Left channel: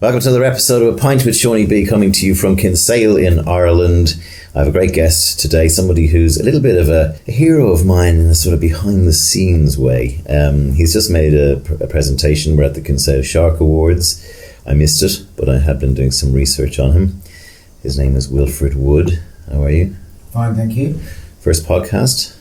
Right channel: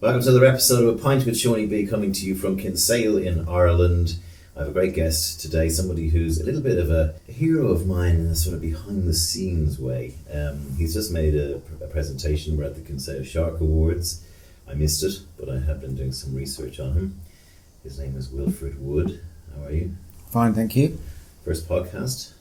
Welcome to another episode of A Pint with Seaniebee, coming to you from Kinsale in Ireland. I have a great guest today, somebody who's a little bit of a hero of mine in a sort of behind-the-scenes way. He's just made a presentation. We're at the Kinsale Shark Awards. I missed it, but I have been doing some research on him. His name is Wilfrid Wood. How are you? Fine, thank you. First podcast?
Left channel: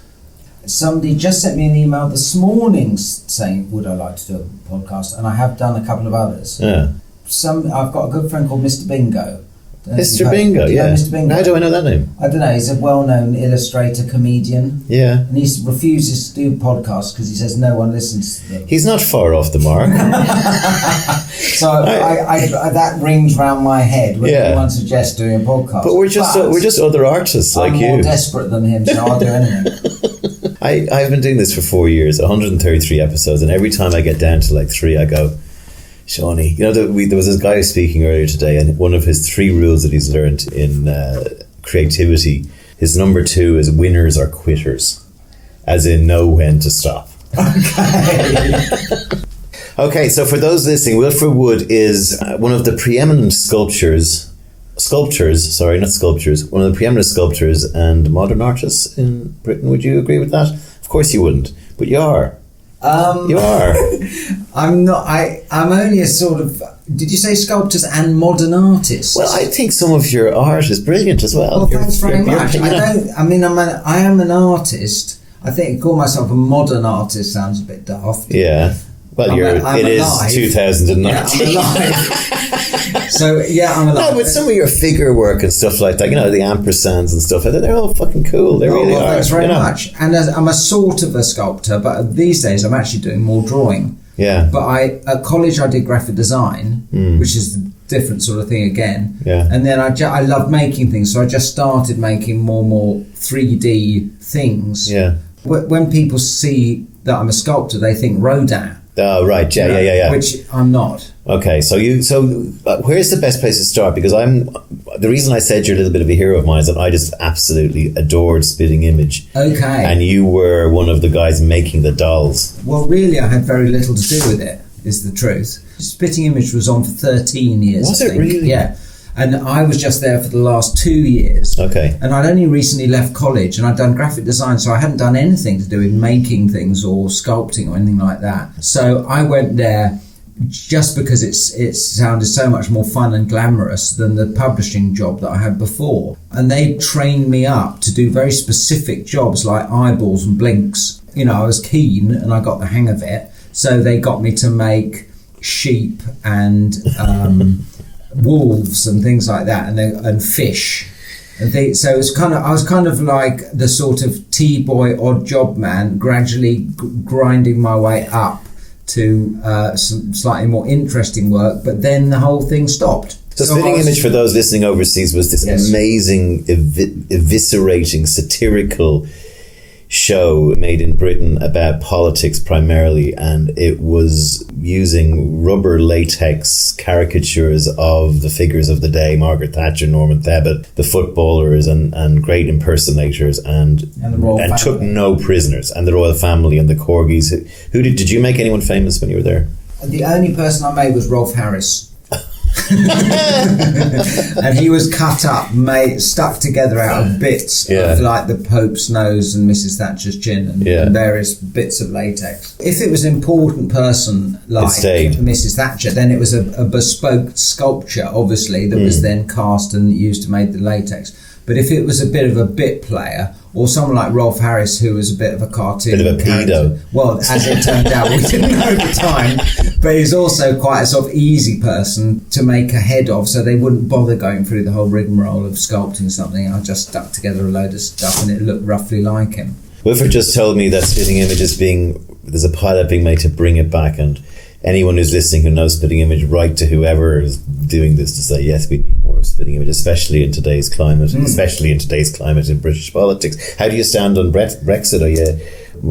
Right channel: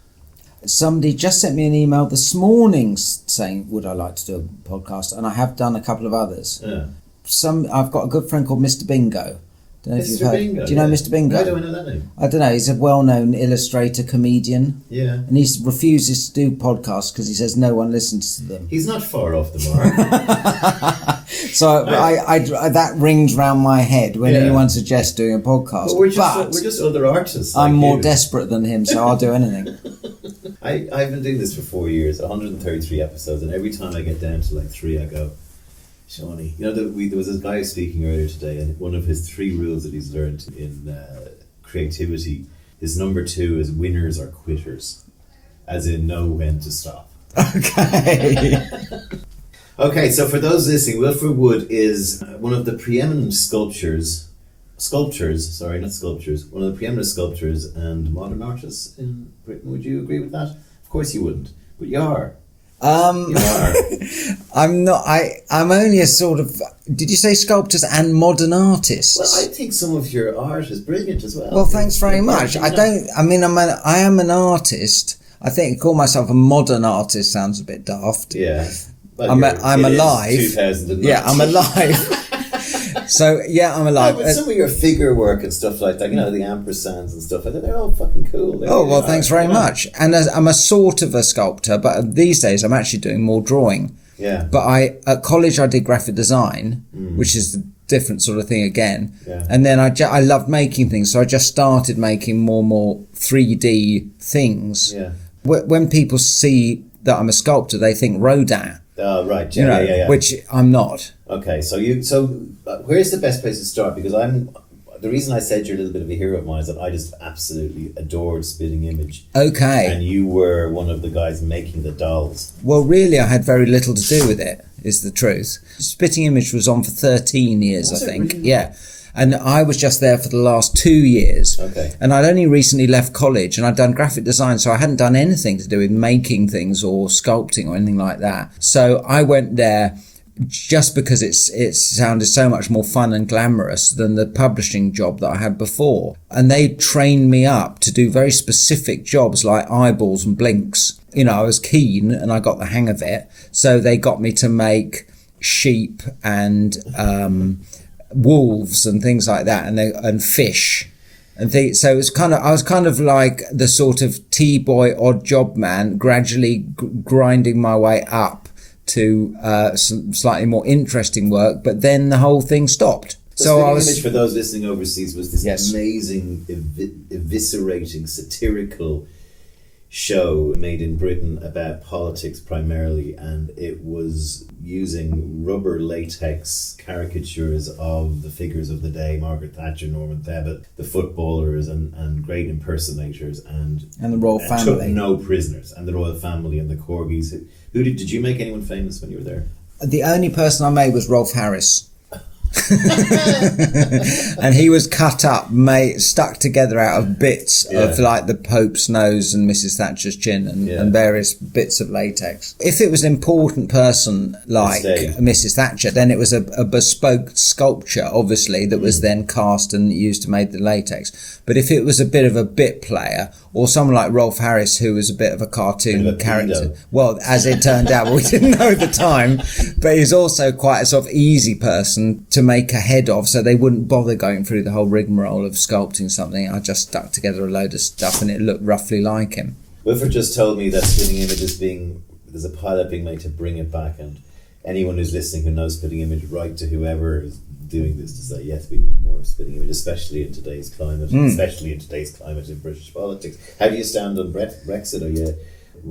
Somebody just sent me an email this morning saying, would I like to do a podcast? And I have done a couple of others. Yeah. I've got a good friend called Mr. Bingo. Mr. Bingo, do you know Mr. Bingo? How do I know that name? I don't know, he's a well-known illustrator, comedian. Yeah. And he refuses to do podcasts because he says no one listens to them. He's not far off the mark. So I that rings round my head when anyone suggests doing a podcast. But we're just other artists like you. I'm more desperate than him, so I'll do anything. I've been doing this for 4 years, 133 episodes, and every time I get down to like 3, I go, Shawnee, you know, there was this guy who was speaking earlier today, and one of his 3 rules that he's learned in creativity, his number 2 is winners are quitters, as in know when to stop. Okay. Okay, so for those listening, Wilfrid Wood is one of the preeminent sculptors, one of the preeminent sculptors and modern artists in Britain. Would you agree with that? Of course you wouldn't, but you are. You are. I'm not. I'm only a sort of. Did you say sculptors and modern artists? Well, I think some of your art is brilliant as well. Well, thanks very much. I am an artist. I think to call myself a modern artist sounds a bit daft. Yeah. Well, I'm alive. 2019. Yeah, I'm alive. So yeah, I'm alive. No, but some of your figure work and stuff like that, you know, the ampersands and stuff, they're all fucking cool. Thanks very much. And I'm a sort of a sculptor, but these days I'm actually doing more drawing. Yeah. But at college I did graphic design, which is a different sort of thing again. Yeah. And then I love making things, so I just started making more 3D things. Yeah. When people see that I'm a sculptor, they think Rodin. Oh, right. Yeah. Which I'm not. Okay, so where's the best place to start? Because the reason I said you're a little bit of a hero of mine is that I just absolutely adored Spitting Image. Okay. And you were one of the guys making the dolls. Well, really, I had very little to do with it, is the truth. Spitting Image was on for 13 years, was I think. It really? Yeah. And I was just there for the last 2 years. Okay. And I'd only recently left college and I'd done graphic design, so I hadn't done anything to do with making things or sculpting or anything like that. So I went there just because it sounded so much more fun and glamorous than the publishing job that I had before. And they trained me up to do very specific jobs like eyeballs and blinks. You know, I was keen and I got the hang of it. So they got me to make sheep and wolves and things like that, and fish, and so it's I was kind of like the sort of T-boy odd job man, gradually grinding my way up to some slightly more interesting work. But then the whole thing stopped. So Spitting Image, for those listening overseas, was this amazing, eviscerating, satirical show made in Britain about politics primarily, and it was using rubber latex caricatures of the figures of the day, Margaret Thatcher, Norman Tebbit, the footballers and great impersonators, and the royal family, took no prisoners, and the royal family and the corgis. Who did you make anyone famous when you were there? The only person I made was Rolf Harris. And he was cut up, stuck together out of bits of like the Pope's nose and Mrs. Thatcher's chin and various bits of latex. If it was an important person like Mrs. Thatcher, then it was a bespoke sculpture, obviously, that was then cast and used to make the latex. But if it was a bit of a bit player, or someone like Rolf Harris, who was a bit of a cartoon character, well, as it turned out, we didn't know at the time, but he's also quite a sort of easy person to make a head of, so they wouldn't bother going through the whole rigmarole of sculpting something. I just stuck together a load of stuff and it looked roughly like him. Wilfrid just told me that Spitting Image there's a pilot being made to bring it back, and anyone who's listening who knows Spitting Image, write to whoever is doing this to say, yes, we need more of Spitting Image, especially in today's climate, in British politics. How do you stand on Brexit?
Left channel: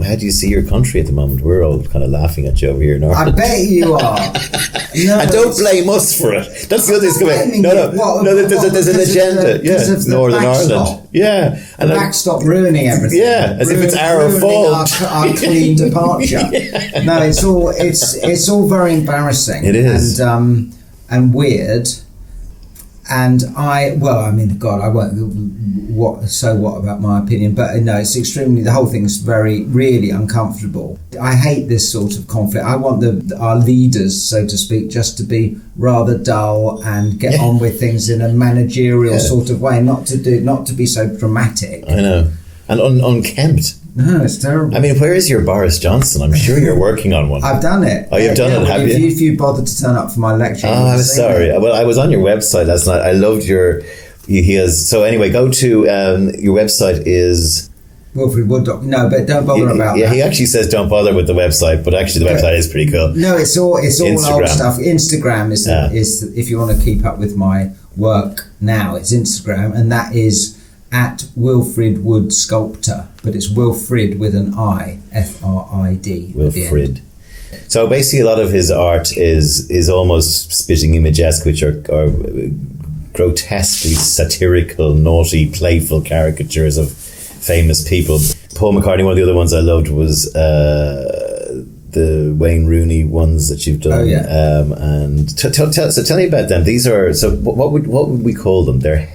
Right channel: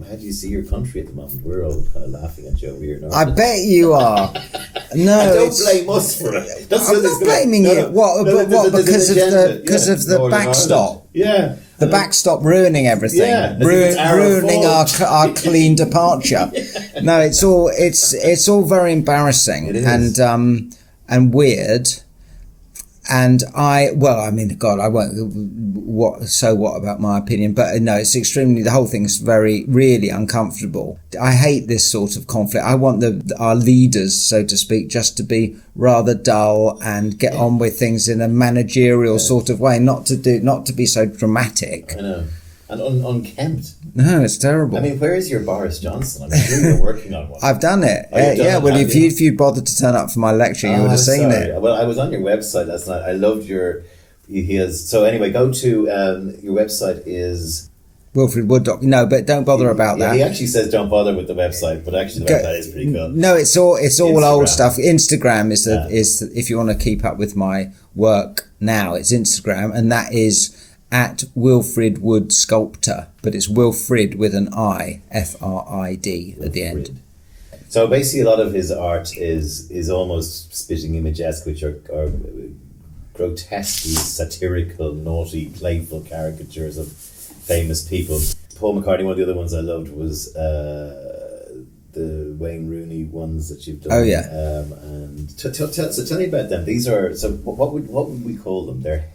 How do you see your country at the moment? We're all kind of laughing at you over here in Ireland. I bet you are. No, and don't blame us for it. That's the other thing. Blaming you. There's an agenda. Because of the Northern backstop. Ireland. Yeah. The backstop ruining everything. Yeah, as if it's our ruining fault. our clean departure. No, it's all very embarrassing. It is. And and weird. And I won't, what about my opinion? But no, it's extremely, the whole thing's really uncomfortable. I hate this sort of conflict. I want our leaders, so to speak, just to be rather dull and get on with things in a managerial sort of way, not to be so dramatic. I know. And unkempt. No, it's terrible. I mean, where is your Boris Johnson? I'm sure you're working on one. I've done it. Oh, you've done it? Well, if you bothered to turn up for my lecture, you would have seen it. Well, I was on your website last night. I loved so anyway, go to, your website is... Wilfrid Wood. No, but don't bother about that. He actually says don't bother with the website, but actually the website is pretty cool. No, it's all old stuff. Instagram is if you want to keep up with my work now, it's Instagram, and that is at Wilfrid Wood Sculptor, but it's Wilfrid with an I, F-R-I-D at the end. So basically a lot of his art is almost spitting image-esque, which are grotesquely satirical, naughty, playful caricatures of famous people. Paul McCartney, one of the other ones I loved was the Wayne Rooney ones that you've done. Oh yeah. And tell me about them. These are, so what would we call them? They're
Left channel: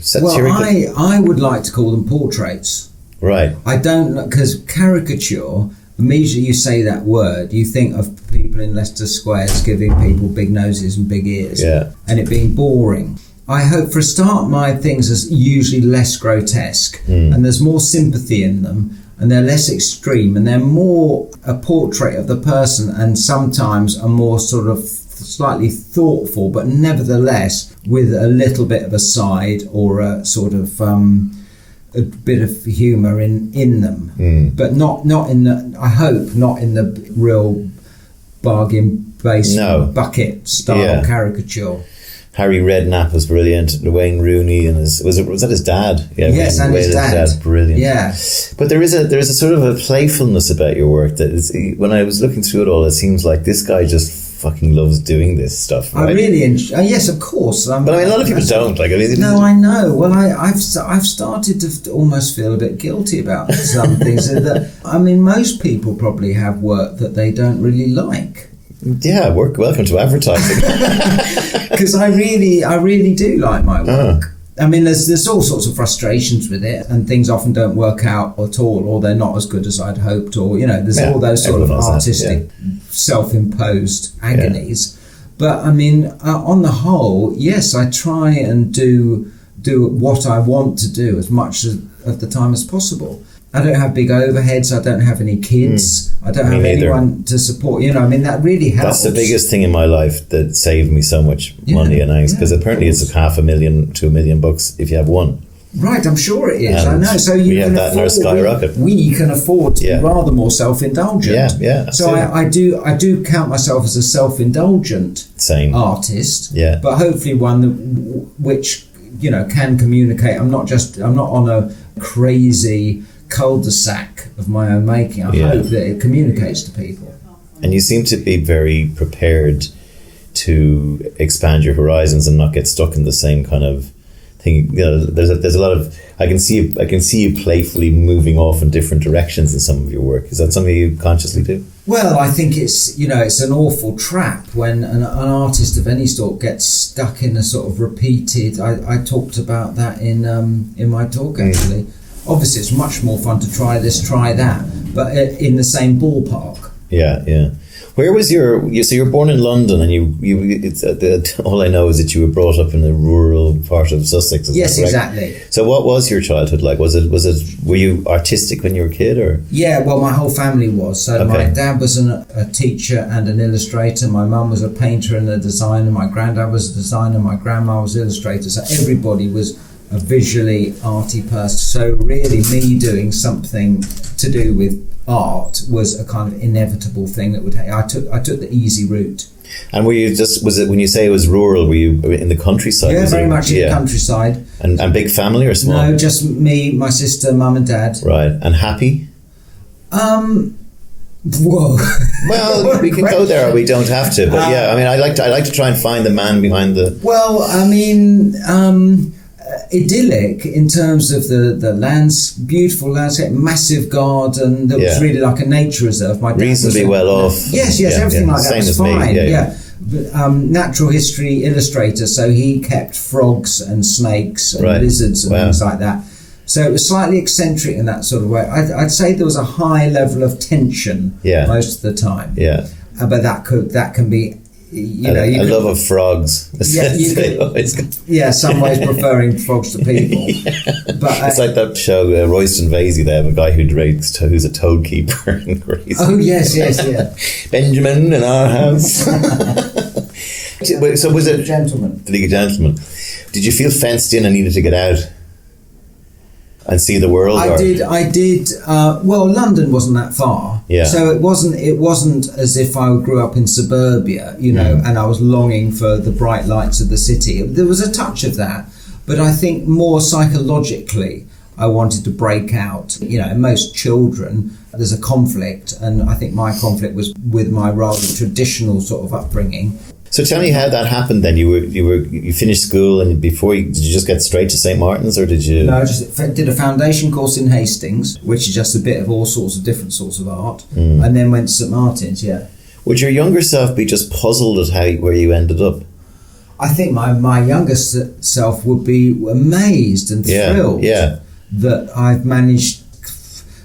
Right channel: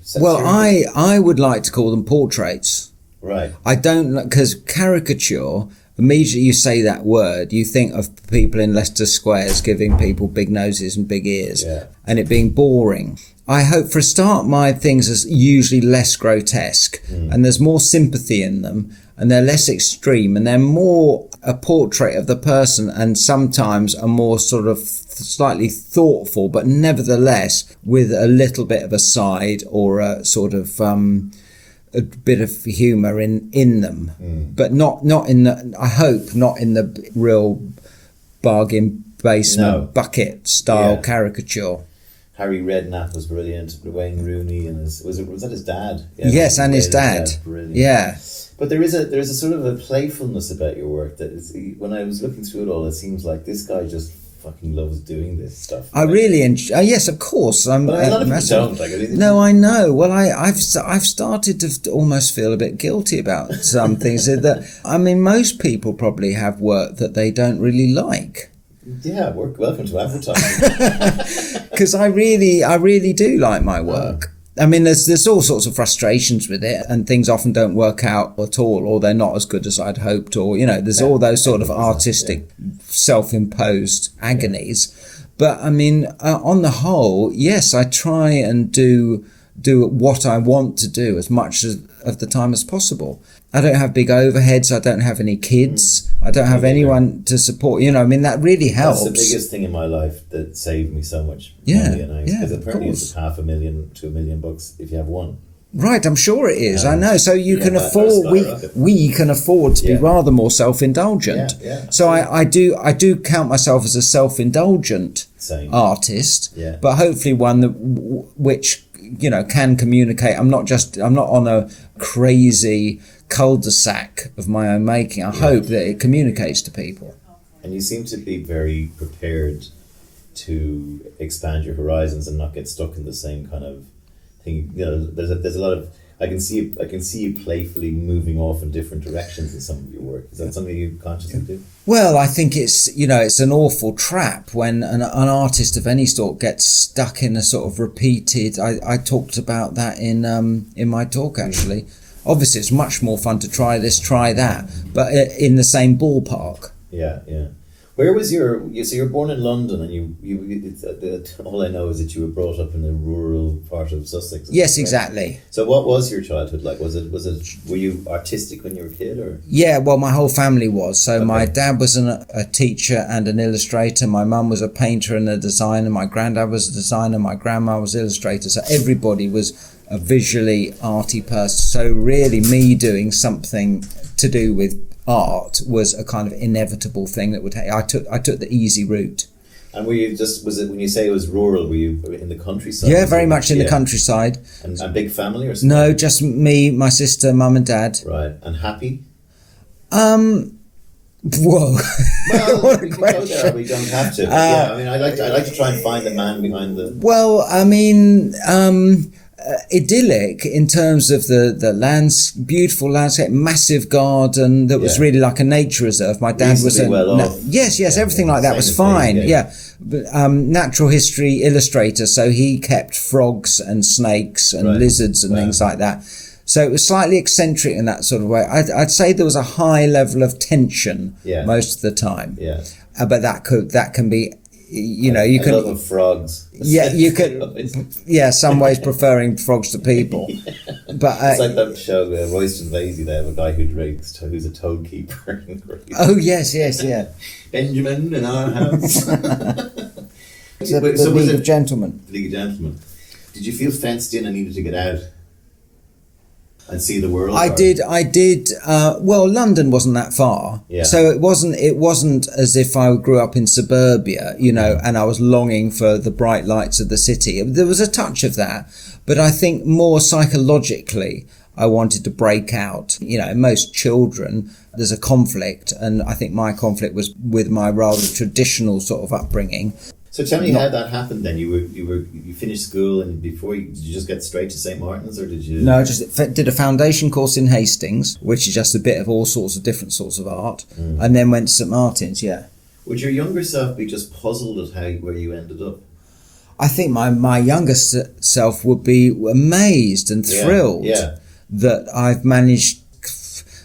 satirical. Well, I would like to call them portraits. Right. I don't, because caricature, immediately you say that word, you think of people in Leicester Squares giving people big noses and big ears, and it being boring. I hope for a start my things are usually less grotesque, and there's more sympathy in them, and they're less extreme, and they're more a portrait of the person, and sometimes a more sort of slightly thoughtful, but nevertheless with a little bit of a side or a sort of a bit of humour in them, but not in the, I hope not in the real bargain basement bucket style caricature. Harry Redknapp was brilliant. Wayne Rooney and was that his dad? Yeah, yes, and his dad. Brilliant. Yeah. But there is a sort of a playfulness about your work that is, when I was looking through it all, it seems like this guy just fucking loves doing this stuff. Right? I really enjoy. Yes, of course. But a lot of people don't. No, I know. Well, I've started to almost feel a bit guilty about some things. That I mean, most people probably have work that they don't really like. Yeah, welcome to advertising. Because I really do like my work. I mean, there's all sorts of frustrations with it, and things often don't work out at all, or they're not as good as I'd hoped, or there's all those sort of artistic, self-imposed agonies. But I mean, on the whole, yes, I try and do what I want to do as much of the time as possible. I don't have big overheads. I don't have any kids. I don't have anyone to support. I mean, that really helps. That's the biggest thing in my life that saved me so much money and angst, because apparently it's $500,000 to $1 million if you have one. Right, I'm sure it is. I know. So you can afford. We can afford to be rather more self-indulgent. Yeah. So I do count myself as a self-indulgent artist. Yeah. But hopefully one which can communicate. I'm not on a crazy cul-de-sac of my own making. I hope that it communicates to people. And you seem to be very prepared to expand your horizons and not get stuck in the same kind of thing. There's a lot of, I can see you playfully moving off in different directions in some of your work. Is that something you consciously do? Well, I think it's an awful trap when an artist of any sort gets stuck in a sort of repeated. I talked about that in my talk actually. Obviously, it's much more fun to try this, try that, but in the same ballpark. Yeah. Where was so you were born in London, and all I know is that you were brought up in a rural part of Sussex. Yes, exactly. So what was your childhood like? Were you artistic when you were a kid, or? Yeah, well, my whole family was. So my dad was a teacher and an illustrator. My mum was a painter and a designer. My granddad was a designer. My grandma was an illustrator. So everybody was a visually arty person. So really me doing something to do with art was a kind of inevitable thing that would happen. I took the easy route. And were you was it when you say it was rural, were you in the countryside? Yeah, very much in the countryside. And big family or small? No, just me, my sister, mum and dad. Right. And happy? Whoa. Well, we can go there or we don't have to. But I mean, I like to try and find the man behind the... Well, I mean... idyllic in terms of the beautiful landscape, massive garden that was really like a nature reserve. My dad was well off. Yes, everything like that was fine. natural history illustrator, so he kept frogs and snakes and lizards and things like that. So it was slightly eccentric in that sort of way. I'd say there was a high level of tension most of the time. Yeah. But that can be, you know, you I could love of frogs. Yeah, you could. Yeah, some ways preferring frogs to people. But it's like that show, Royston Vasey. They have a guy who's a toad keeper in Greece. Oh yes, yeah. Benjamin in our house. So was it gentleman? The League of Gentlemen. Did you feel fenced in and needed to get out and see the world? I did. Well, London wasn't that far, so it wasn't as if I grew up in suburbia, you know, and I was longing for the bright lights of the city. There was a touch of that, but I think more psychologically, I wanted to break out. You know, most children, there's a conflict, and I think my conflict was with my rather traditional sort of upbringing. So tell me how that happened then. You finished school, and did you just get straight to St. Martin's, or did you? No, I just did a foundation course in Hastings, which is just a bit of all sorts of different sorts of art, and then went to St. Martin's. Yeah. Would your younger self be just puzzled at where you ended up? I think my younger self would be amazed and thrilled that I've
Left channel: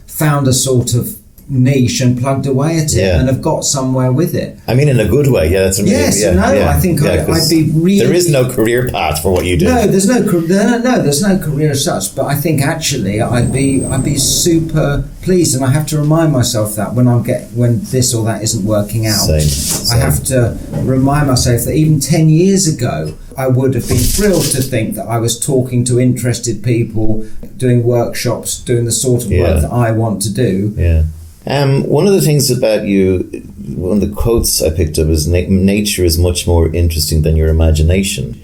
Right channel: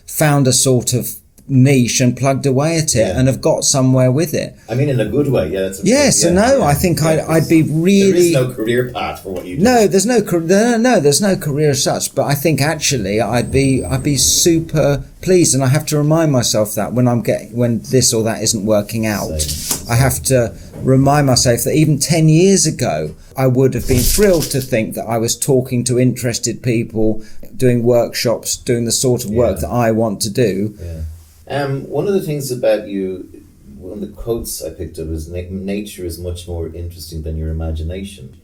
found a sort of niche and plugged away at it and have got somewhere with it. I mean, in a good way. Yeah, that's I think I'd be really. There is no career path for what you do. No, there's no career as such. But I think actually I'd be super pleased, and I have to remind myself that when this or that isn't working out, Same. I have to remind myself that even 10 years ago I would have been thrilled to think that I was talking to interested people, doing workshops, doing the sort of work that I want to do. Yeah. One of the things about you, one of the quotes I picked up is nature is much more interesting than your imagination.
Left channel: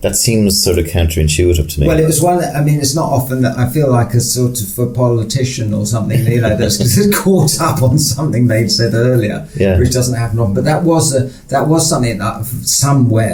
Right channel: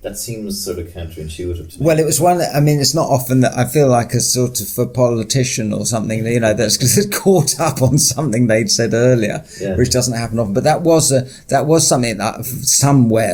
That seems sort of counterintuitive to me. Well, it was one. I mean, it's not often that I feel like a sort of a politician or something, you know, that's caught up on something they'd said earlier, which doesn't happen often. But that was something that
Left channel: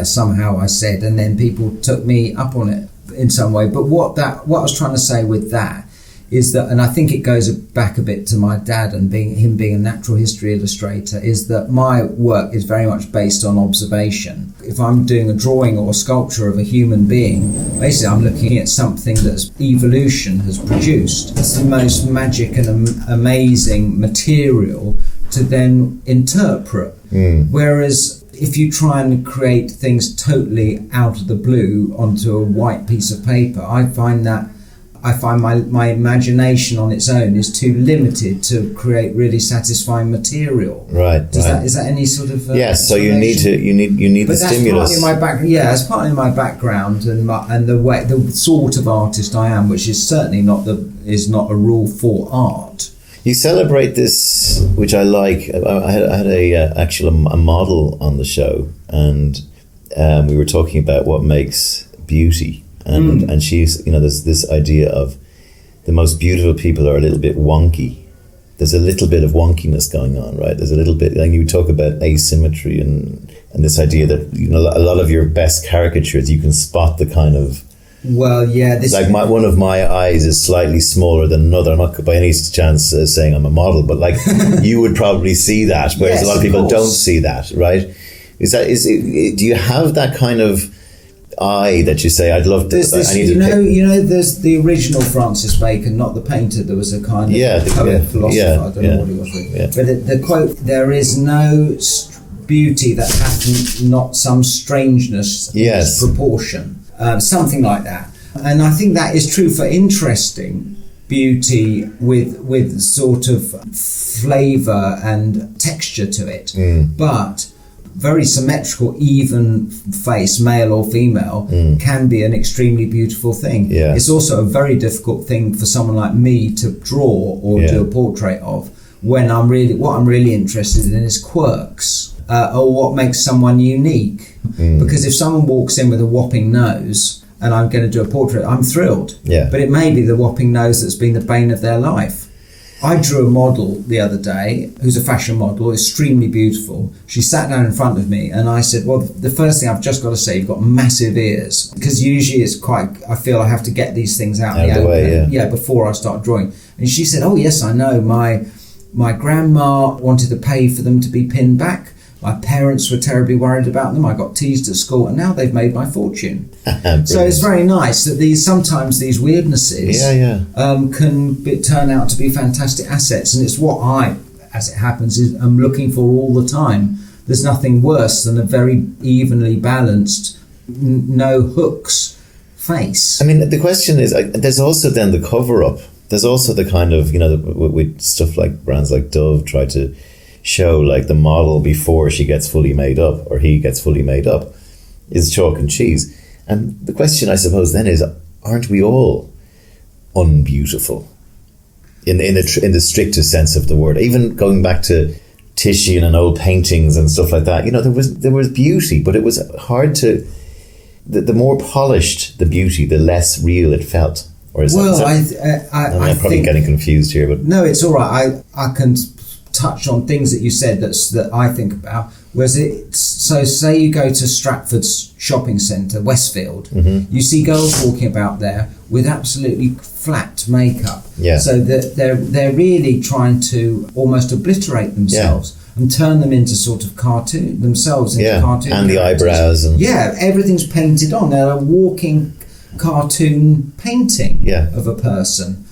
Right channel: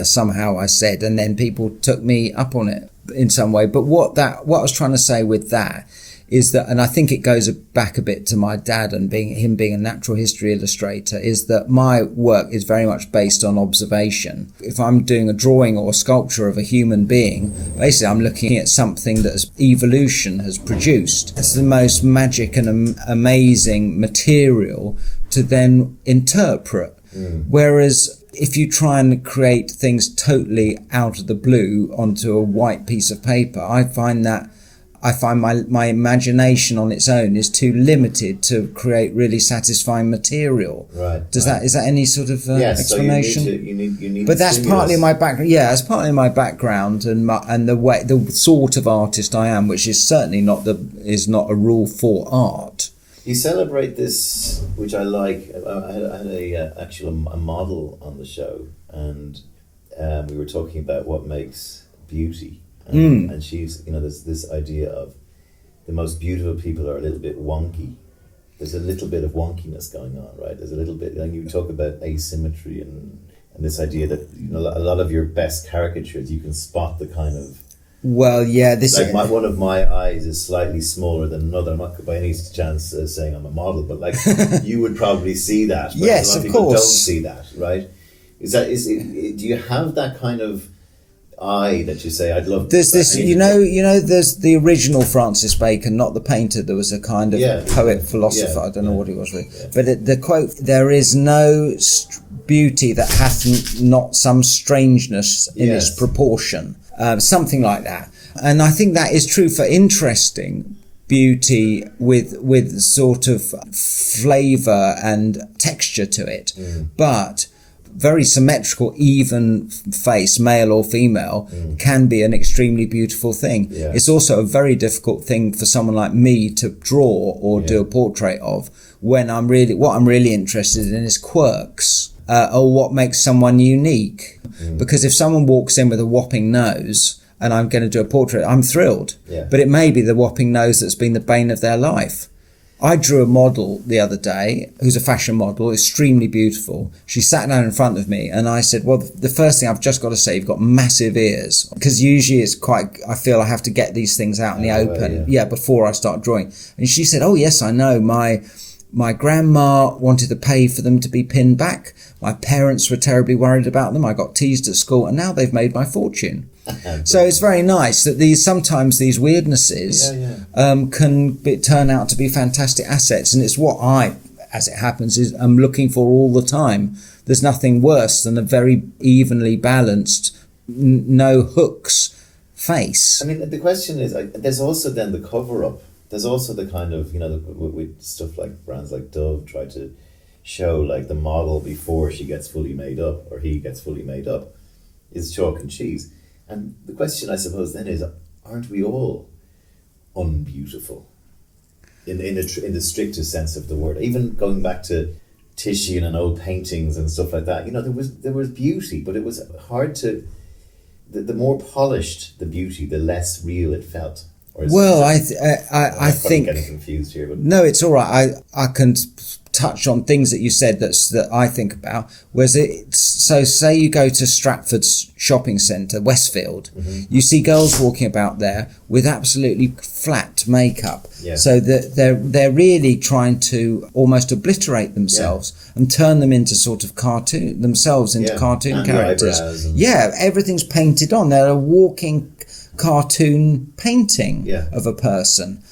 somehow I said, and then people took me up on it in some way. But what I was trying to say with that is that, and I think it goes back a bit to my dad and him being a natural history illustrator, is that my work is very much based on observation. If I'm doing a drawing or a sculpture of a human being, basically I'm looking at something that evolution has produced. It's the most magic and amazing material to then interpret. Whereas if you try and create things totally out of the blue onto a white piece of paper, I find my imagination on its own is too limited to create really satisfying material. Right. Is that any sort of so you need. But that's stimulus. partly my background. Yeah, it's partly my background and the sort of artist I am, which is certainly not a rule for art. You celebrate this, which I like. I had a model on the show, and we were talking about what makes beauty. And she's, you know, there's this idea of the most beautiful people are a little bit wonky. There's a little bit of wonkiness going on, right? There's a little bit, and you talk about asymmetry and this idea that, you know, a lot of your best caricatures, you can spot the kind of. Well, yeah, one of my eyes is slightly smaller than another. I'm not by any chance saying I'm a model, but like you would probably see that, whereas a lot of people don't see that, right? Do you have that kind of eye that you say I'd love to? There's this, you know, there's the original Francis Bacon, not the painter. There was a kind of poet, philosopher. I don't know what he was really. Yeah. But the quote: "There is no beauty that hath not some strangeness in its proportion." Something like that, and I think that is true for interesting beauty with sort of flavour and texture to it, but very symmetrical, even face, male or female, can be an extremely beautiful thing. Yeah. It's also a very difficult thing for someone like me to draw or do a portrait of, when what I'm really interested in is quirks, or what makes someone unique. Because if someone walks in with a whopping nose and I'm going to do a portrait, I'm thrilled. Yeah. But it may be the whopping nose that's been the bane of their life. I drew a model the other day who's a fashion model, extremely beautiful. She sat down in front of me and I said, well, the first thing I've just got to say, you've got massive ears. Because usually I feel I have to get these things out in the open before I start drawing. And she said, oh yes, I know. My grandma wanted to pay for them to be pinned back. My parents were terribly worried about them. I got teased at school, and now they've made my fortune. So it's very nice that sometimes these weirdnesses can turn out to be fantastic assets, and it's what I, as it happens, I'm looking for all the time. There's nothing worse than a very evenly balanced, no hooks face. I mean, the question is, there's also then the cover-up. There's also the kind of, with stuff like brands like Dove try to show like the model before she gets fully made up or he gets fully made up is chalk and cheese. And the question, I suppose, then is, aren't we all unbeautiful in the strictest sense of the word? Even going back to Titian and old paintings and stuff like that, there was beauty, but it was hard to. The more polished the beauty, the less real it felt. Or is I'm probably getting confused here, but no, it's all right. I can touch on things that you said that I think about. So say you go to Stratford's shopping centre, Westfield, you see girls walking about there with absolutely flat makeup. Yeah. So that they're really trying to almost obliterate themselves and turn them into sort of cartoon characters. And the eyebrows. Everything's painted on. They're a walking cartoon painting of a person.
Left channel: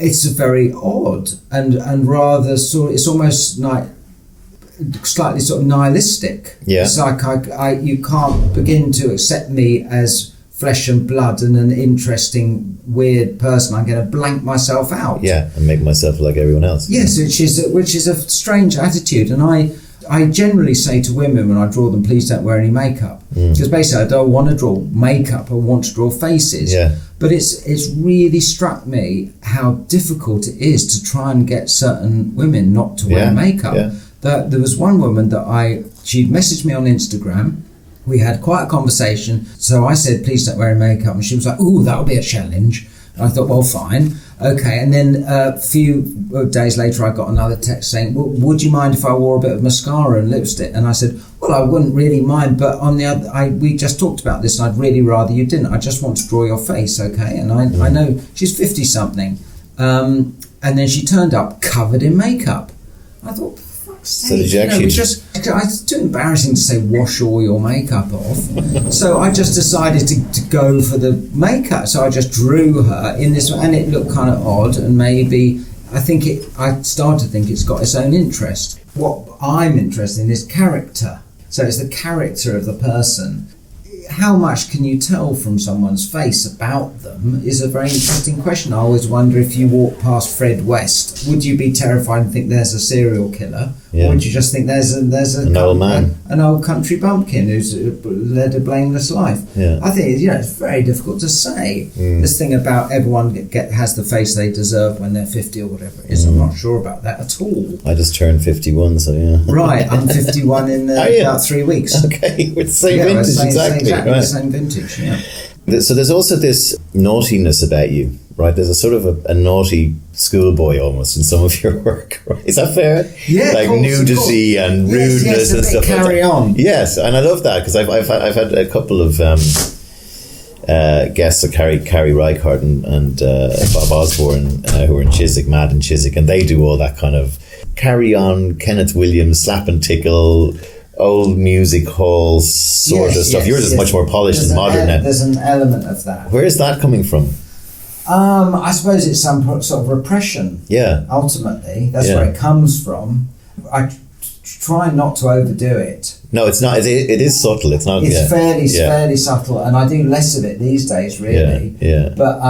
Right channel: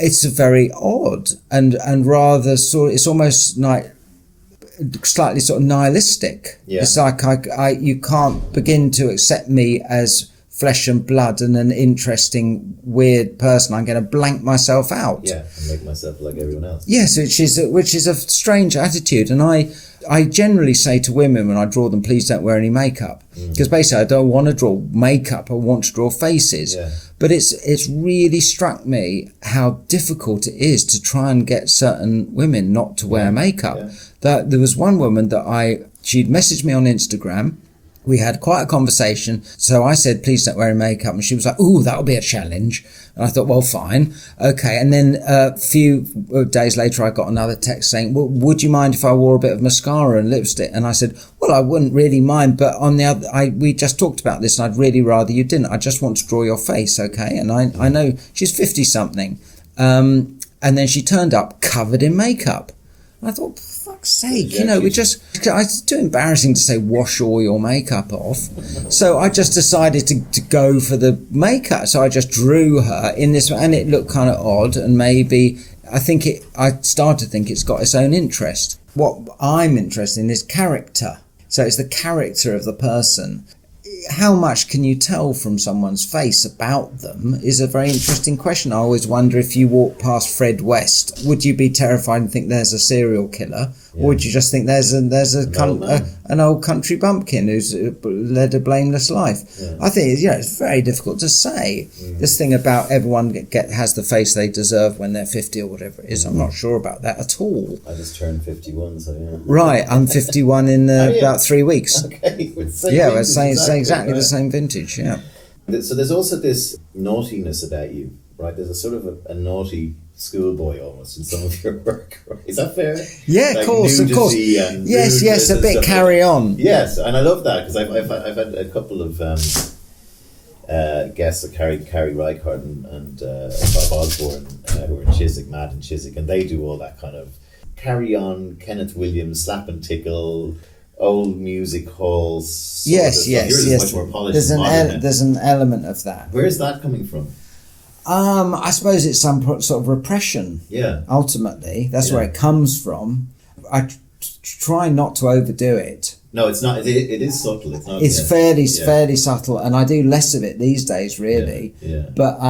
It's very odd and rather sort of, it's almost like slightly sort of nihilistic. Yeah. It's like you can't begin to accept me as flesh and blood and an interesting weird person. I'm going to blank myself out. Yeah, and make myself like everyone else. Yes, which is a strange attitude. And I generally say to women when I draw them, please don't wear any makeup. Because basically I don't want to draw makeup, I want to draw faces. Yeah. But it's really struck me how difficult it is to try and get certain women not to wear makeup. Yeah. That there was one woman she'd messaged me on Instagram. We had quite a conversation. So I said, please don't wear any makeup. And she was like, ooh, that'll be a challenge. And I thought, well, fine. Okay. And then a few days later, I got another text saying, well, would you mind if I wore a bit of mascara and lipstick? And I said, well, I wouldn't really mind. But on the other, we just talked about this and I'd really rather you didn't. I just want to draw your face. Okay. And I know she's 50 something. And then she turned up covered in makeup. I thought, sake, it's too embarrassing to say wash all your makeup off. So I just decided to go for the makeup. So I just drew her in this, and it looked kind of odd. And maybe I started to think it's got its own interest. What I'm interested in is character. So it's the character of the person. How much can you tell from someone's face about them is a very interesting question. I always wonder, if you walk past Fred West, would you be terrified and think there's a serial killer? Yeah. Or would you just think there's an old country bumpkin who's led a blameless life? Yeah. I think it's very difficult to say. This thing about everyone has the face they deserve when they're 50 or whatever it is. I'm not sure about that at all. I just turned 51, so yeah. Right, I'm 51 in about 3 weeks. Okay, we're the same vintage, exactly the same vintage, yeah. So there's also this naughtiness about you, right? There's a sort of a naughty schoolboy almost in some of your work, right? Is that fair? Yeah, like of course, nudity and rudeness. Yes, a bit carry on. Yes, and I love that because I've had a couple of guests, Carrie Reichardt and Bob Osborne, who are in Chiswick, Mad in Chiswick, and they do all that kind of carry on, Kenneth Williams, slap and tickle, old music halls sort of stuff. Yours is much more polished and modern. There's an element of that. Where is that coming from? I suppose it's some sort of repression. Yeah. Ultimately, that's where it comes from. I try not to overdo it. No, it's not. It is subtle. It's not. It's fairly subtle, and I do less of it these days, really. Yeah. But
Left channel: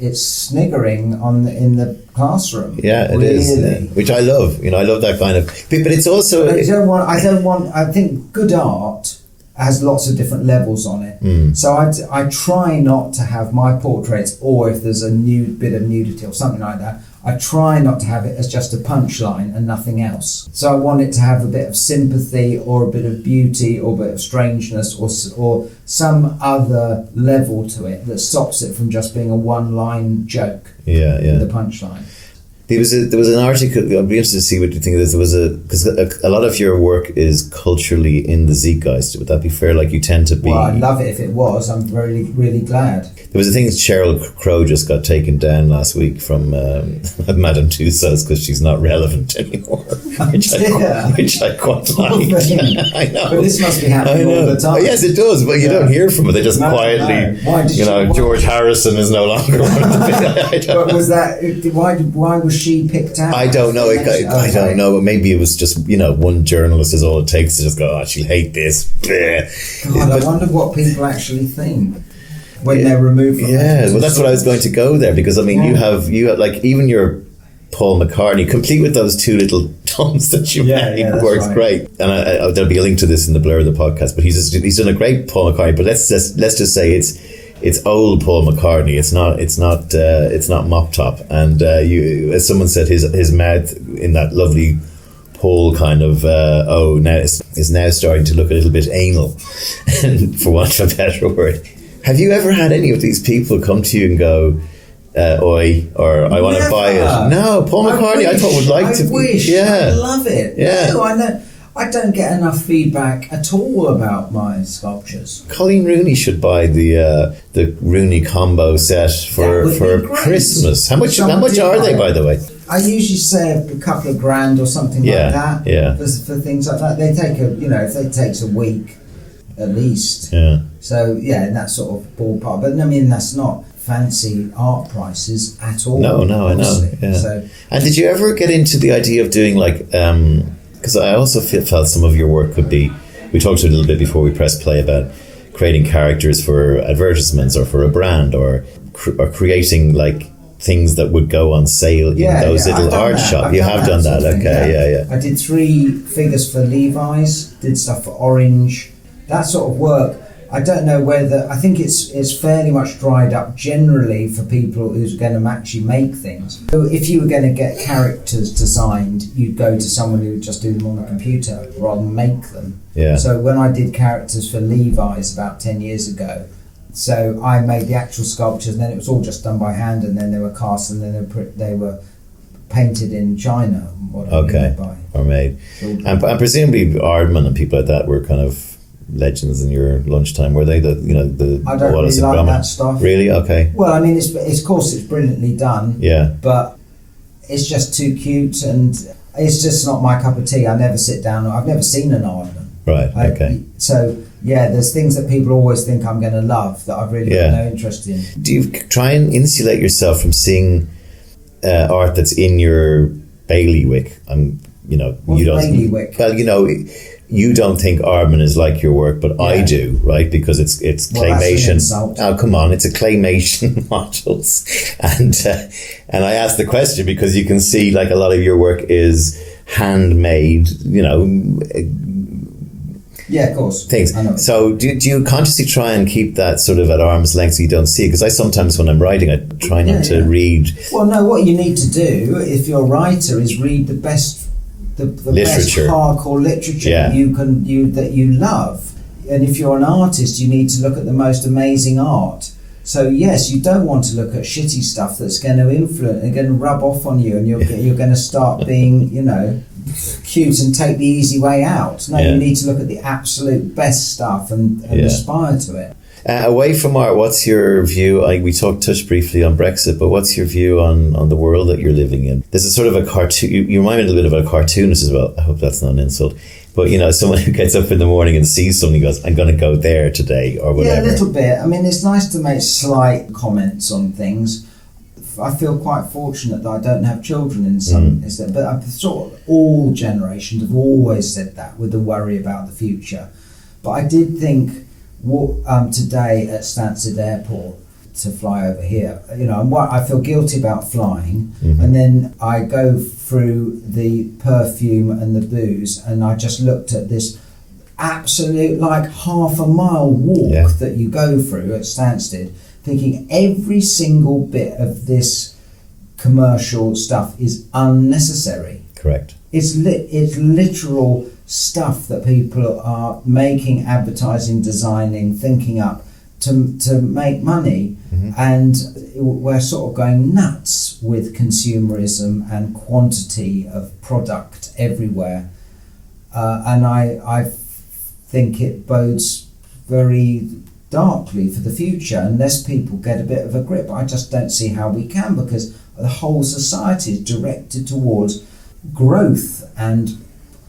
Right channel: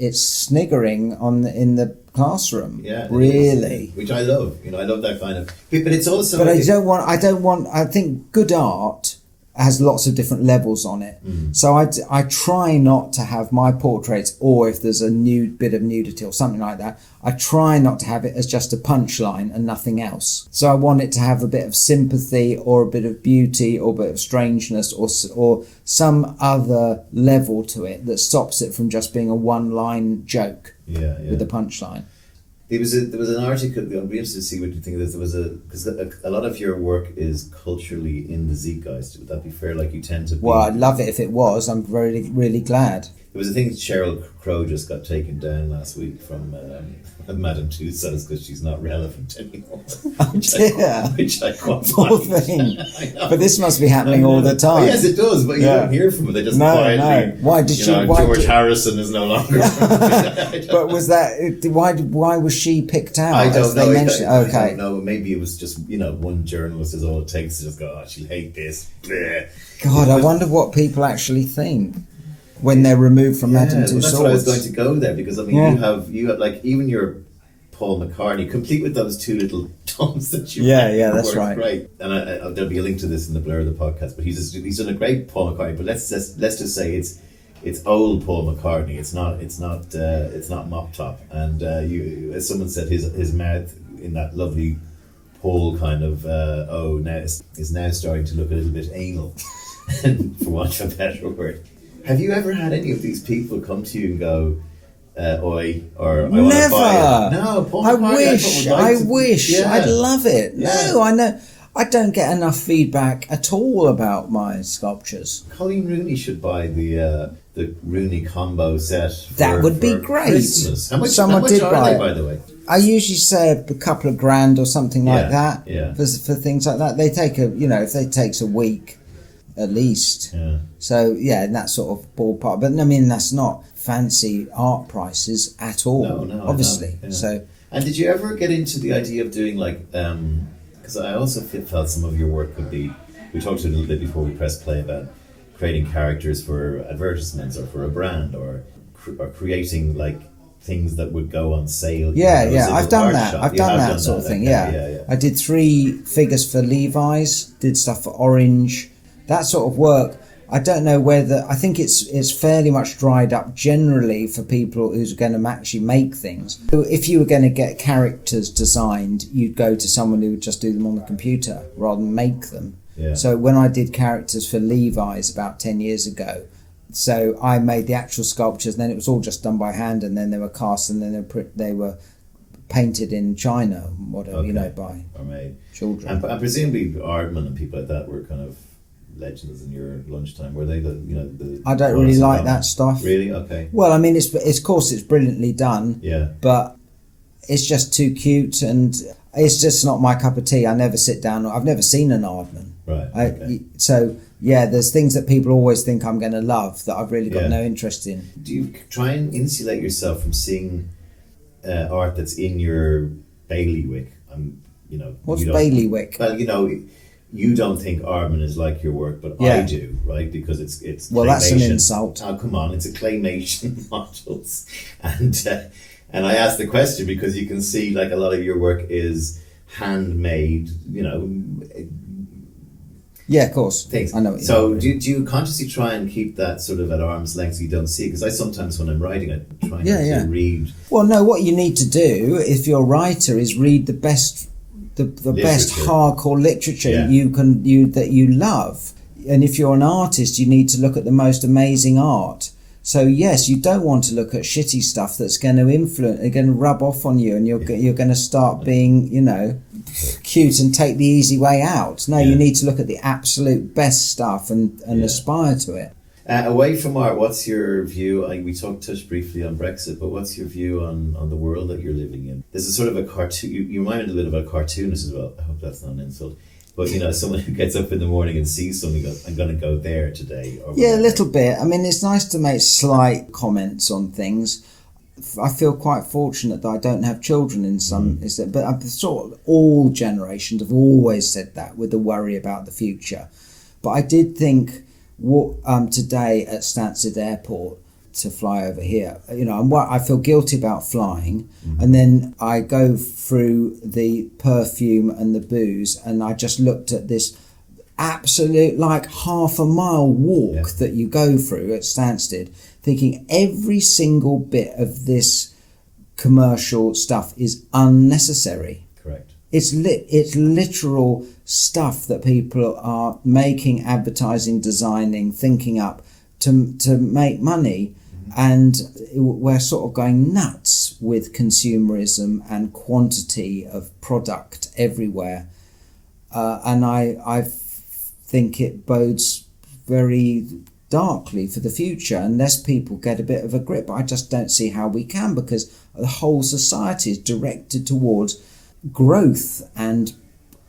it's sniggering in the classroom. Yeah, it is, which I love. I love that kind of. But it's also. But I don't want. I think good art has lots of different levels on it. So I try not to have my portraits, or if there's a nude bit of nudity or something like that, I try not to have it as just a punchline and nothing else. So I want it to have a bit of sympathy or a bit of beauty or a bit of strangeness or some other level to it that stops it from just being a one-line joke with a punchline. There was an article. I'd be interested to see what you think of this. Because a lot of your work is culturally in the Zeitgeist. Would that be fair? Like you tend to be. Well, I'd love it if it was. I'm really, really glad. There was a thing that Cheryl Crow just got taken down last week from Madame Tussauds because she's not relevant anymore, which I quite like. I know. But this must be happening all the time. Oh, yes, it does. But you don't hear from it. They just quietly. No. Why did George Harrison is no longer. But was that? Why was she picked out? I don't know. I don't know. Maybe it was just one journalist is all it takes to just go, she'll hate this. God, I wonder what people actually think when they're removed from that. Well, that's what I was going to go there, because I mean, you have like even your Paul McCartney, complete with those two little tones that you make, works great. And there'll be a link to this in the blur of the podcast. But he's done a great Paul McCartney. But let's just say it's old Paul McCartney. It's not mop top. And as someone said, his mouth in that lovely Paul kind of now is now starting to look a little bit anal, for want of a better word. Have you ever had any of these people come to you and go, oi, or I want to buy it? No, Paul McCartney I thought would like to. I wish. I'd love it. Yeah. No, I know. I don't get enough feedback at all about my sculptures. Colleen Rooney should buy the Rooney combo set for Christmas. How much are they, by the way? I usually say a couple of $grand or something like that. Yeah. For things like that, they take if it takes a week at least. Yeah. So in that sort of ballpark. But I mean, that's not fancy art prices at all. No, obviously. I know. Yeah. So, and did you ever get into the idea of doing like? Because I also felt some of your work could be. We talked a little bit before we pressed play about creating characters for advertisements or for a brand or creating like things that would go on sale in those little art shops. You have done that. Okay, I did 3 figures for Levi's. Did stuff for Orange. That sort of work. I don't know whether. I think it's fairly much dried up generally for people who's going to actually make things. So if you were going to get characters designed, you'd go to someone who would just do them on the computer rather than make them. Yeah. So when I did characters for Levi's about 10 years ago, so I made the actual sculptures, and then it was all just done by hand, and then they were cast, and then they were painted in China. Or made. And presumably Aardman and people like that were kind of legends in your lunchtime, were they? I don't really like that stuff. Really? Okay. Well, I mean, it's of course it's brilliantly done. Yeah. But it's just too cute, and it's just not my cup of tea. I never sit down. I've never seen an Aardman. Right. Okay. So there's things that people always think I'm going to love that I've really got no interest in. Do you try and insulate yourself from seeing art that's in your bailiwick? What's bailiwick? Well, you don't think Aardman is like your work, but I do, right? Because it's claymation. That's an insult. Oh, come on, it's a claymation models, and I asked the question because you can see like a lot of your work is handmade, Yeah, of course. Things. I know. So do you consciously try and keep that sort of at arm's length so you don't see it? Because I sometimes, when I'm writing, I try not to read. Well, no, what you need to do, if you're a writer, is read the best best hardcore literature that you love. And if you're an artist, you need to look at the most amazing art. So yes, you don't want to look at shitty stuff that's going to influence, going to rub off on you, and you're going to start being, cute and take the easy way out. No, you need to look at the absolute best stuff and aspire to it. Away from art, what's your view? We touched briefly on Brexit, but what's your view on the world that you're living in? There's a sort of a cartoon. You remind me a little bit of a cartoonist as well. I hope that's not an insult. But someone who gets up in the morning and sees something and goes, I'm going to go there today, or whatever. Yeah, a little bit. I mean, it's nice to make slight comments on things. I feel quite fortunate that I don't have children in some, but I've sort of all generations have always said that with the worry about the future. But I did think today at Stansted Airport to fly over here, I feel guilty about flying, and then I go through the perfume and the booze, and I just looked at this absolute like half a mile walk that you go through at Stansted, thinking every single bit of this commercial stuff is unnecessary. Correct. It's literal stuff that people are making, advertising, designing, thinking up to make money, and we're sort of going nuts with consumerism and quantity of product everywhere. And I think it bodes very darkly for the future unless people get a bit of a grip. I just don't see how we can, because the whole society is directed towards growth and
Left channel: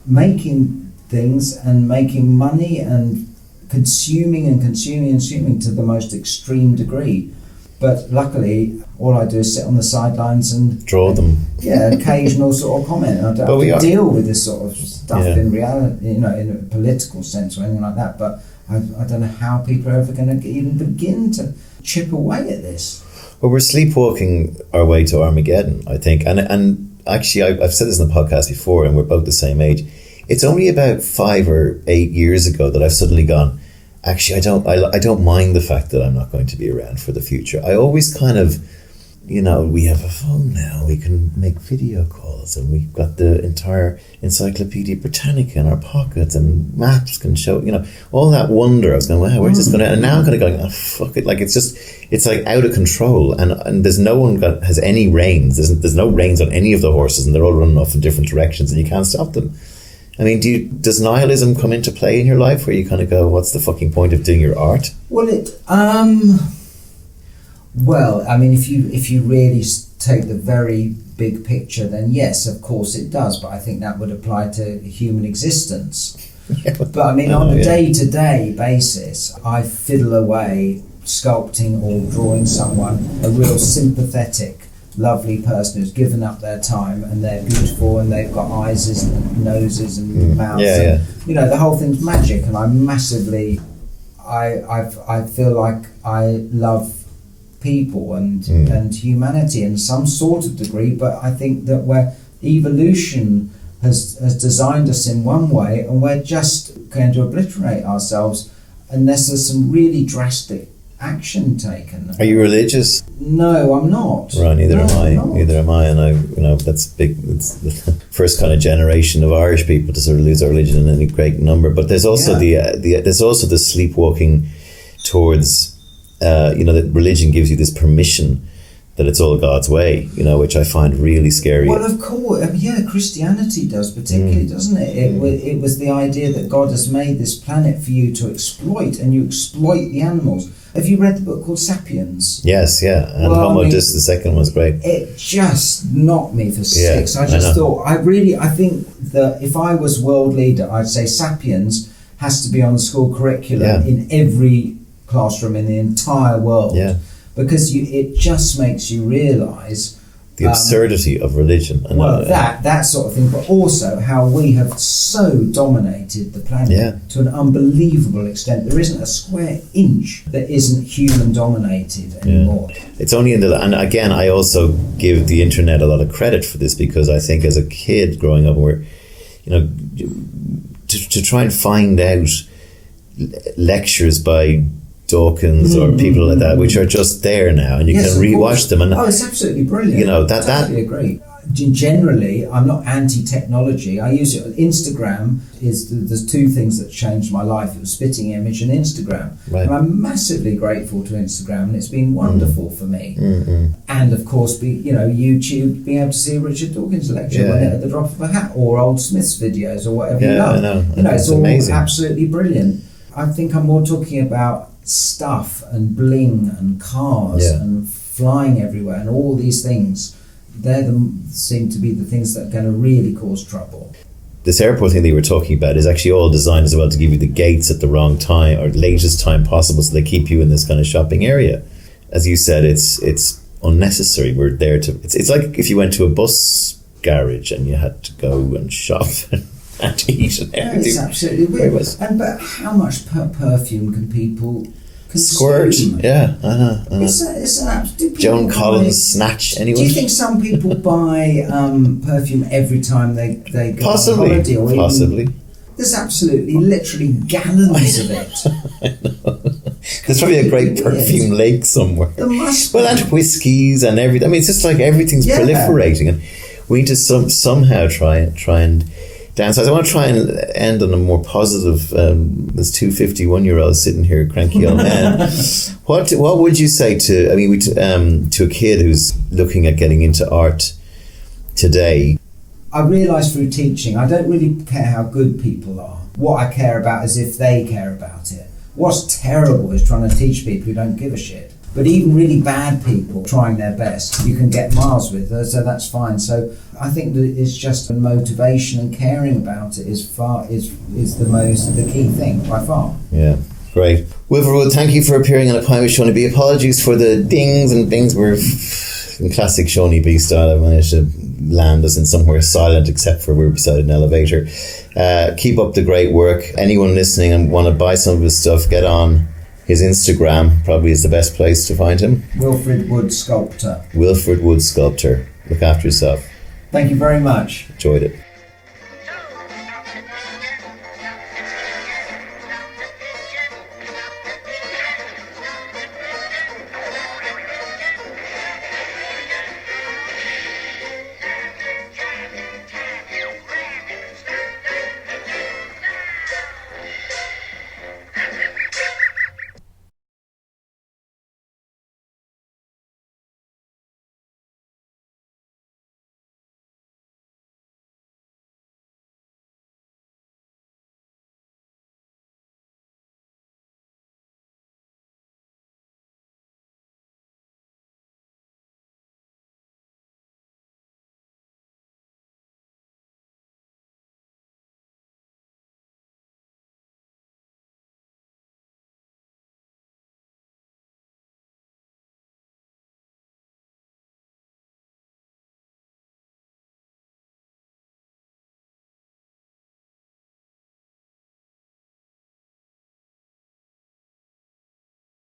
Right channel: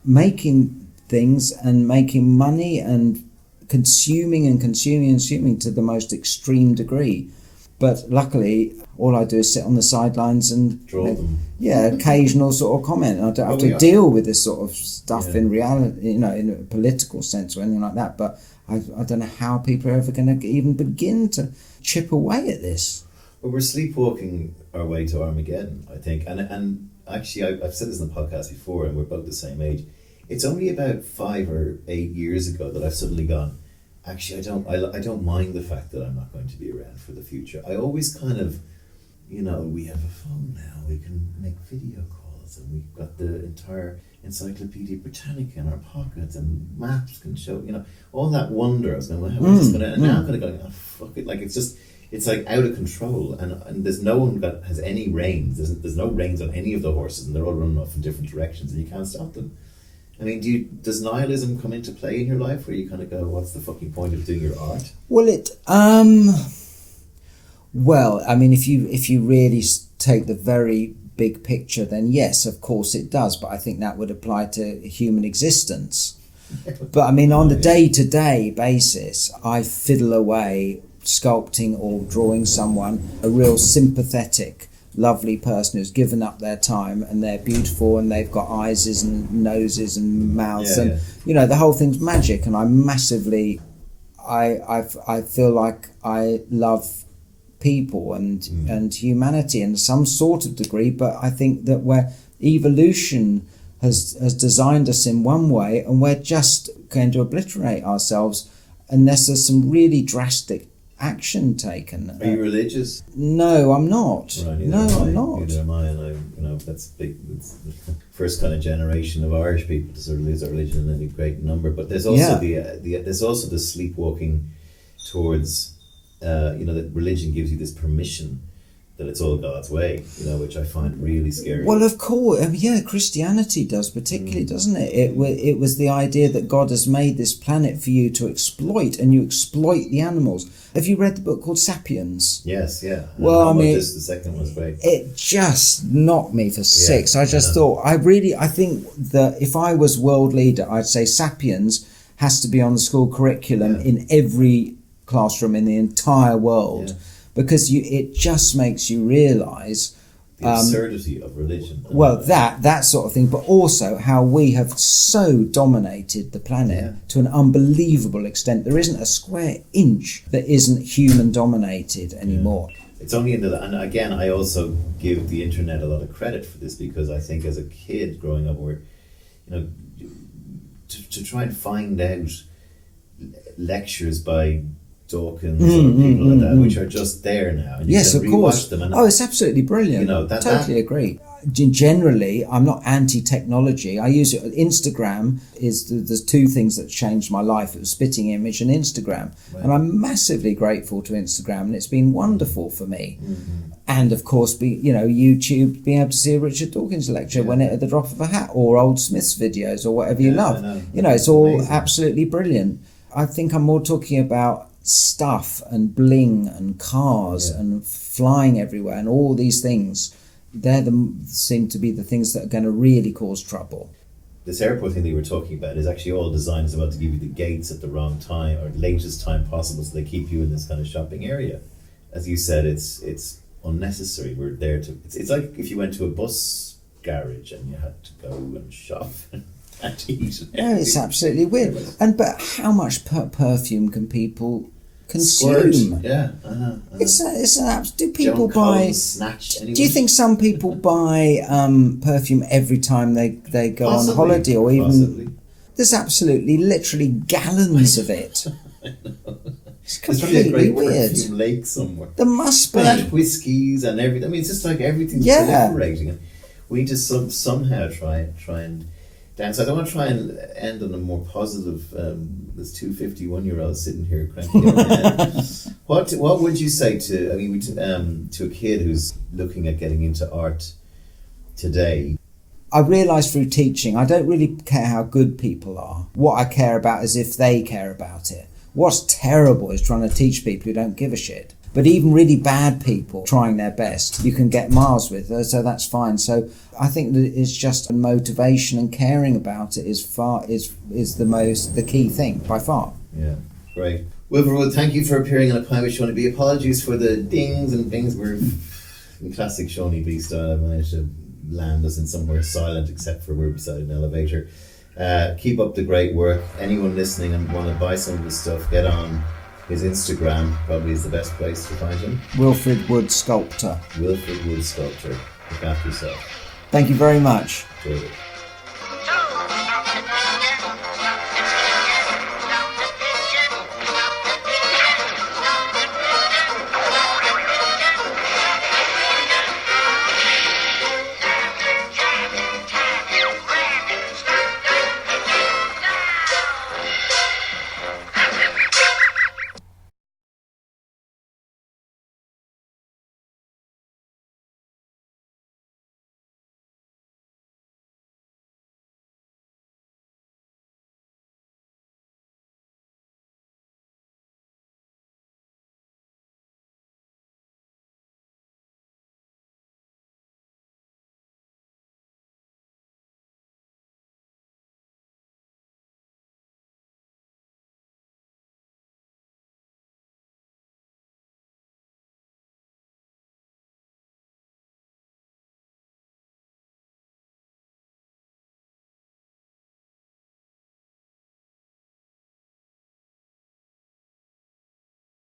making things and making money and consuming to the most extreme degree. But luckily, all I do is sit on the sidelines and draw them. Yeah, occasional sort of comment. I don't have to deal with this sort of stuff in reality, in a political sense or anything like that. But I don't know how people are ever going to even begin to chip away at this. Well, we're sleepwalking our way to Armageddon, I think. And actually, I've said this in the podcast before, and we're both the same age. It's only about 5 or 8 years ago that I've suddenly gone, actually, I don't mind the fact that I'm not going to be around for the future. I always kind of, we have a phone now. We can make video calls, and we've got the entire Encyclopedia Britannica in our pockets, and maps can show, all that wonder. I was going, wow, where's this going to... And now I'm kind of going, oh, fuck it. Like, it's like out of control. And there's no one has any reins. There's no reins on any of the horses, and they're all running off in different directions, and you can't stop them. I mean, does nihilism come into play in your life where you kind of go, what's the fucking point of doing your art? Well, I mean, if you really take the very big picture, then yes, of course it does. But I think that would apply to human existence. But I mean, on a day-to-day basis, I fiddle away sculpting or drawing someone, a real sympathetic, lovely person who's given up their time, and they're beautiful and they've got eyes and noses and mouths. The whole thing's magic, and I feel like I love people and humanity in some sort of degree, but I think that where evolution has designed us in one way, and we're just going to obliterate ourselves unless there's some really drastic action taken. Are you religious? No, I'm not. Right, neither am I. And that's big. It's the first kind of generation of Irish people to sort of lose our religion in any great number. But there's also there's also the sleepwalking towards, that religion gives you this permission that it's all God's way, which I find really scary. Well, of course, Christianity does particularly, doesn't it? It was the idea that God has made this planet for you to exploit, and you exploit the animals. Have you read the book called Sapiens? Yes, yeah. And the second one's great. It just knocked me for six. I think that if I was world leader, I'd say Sapiens has to be on the school curriculum in every classroom in the entire world. Yeah. Because it just makes you realise the absurdity of religion. That sort of thing, but also how we have so dominated the planet to an unbelievable extent. There isn't a square inch that isn't human dominated anymore. It's only and again, I also give the internet a lot of credit for this, because I think as a kid growing up, to try and find out lectures by Dawkins or people like that, which are just there now, and you can rewatch them. And it's absolutely brilliant. Totally agree. Generally, I'm not anti-technology. I use it. Instagram there's two things that changed my life. It was Spitting Image and Instagram, and I'm massively grateful to Instagram, and it's been wonderful for me. And of course, YouTube, being able to see a Richard Dawkins lecture at the drop of a hat, or Old Smith's videos, or whatever you love. It's all amazing. Absolutely brilliant. I think I'm more talking about stuff and bling and cars and flying everywhere and all these things. Seem to be the things that are going to really cause trouble. This airport thing that you were talking about is actually all designed as well to give you the gates at the wrong time or latest time possible, so they keep you in this kind of shopping area. As you said, it's unnecessary. We're there to... It's like if you went to a bus garage and you had to go and shop and eat and everything. It's absolutely weird. But how much perfume can people Squirt, consume? yeah, I know. It's do people Joan buy, Collins, Snatch, anyone? Do you think some people buy perfume every time they go on holiday? Or Possibly. There's absolutely, literally gallons of it. I know. There's probably a great perfume lake somewhere. There must be. And whiskies and everything. I mean, it's just like everything's proliferating, and we need to somehow try and downsides. I want to try and end on a more positive. There's two 51-year-olds sitting here, cranky old men. What would you say to? I mean, to a kid who's looking at getting into art today? I realise through teaching, I don't really care how good people are. What I care about is if they care about it. What's terrible is trying to teach people who don't give a shit. But even really bad people trying their best, you can get miles with, so that's fine. So I think that it's just motivation and caring about it is the key thing by far. Yeah, great. Wilfrid Wood, thank you for appearing on A Pint with Seaniebee. Apologies for the dings and bings. We're in classic Seaniebee style. I managed to land us in somewhere silent, except for we're beside an elevator. Keep up the great work. Anyone listening and want to buy some of his stuff, get on his Instagram. Probably is the best place to find him. Wilfrid Wood Sculptor. Wilfrid Wood Sculptor. Look after yourself. Thank you very much. Enjoyed it.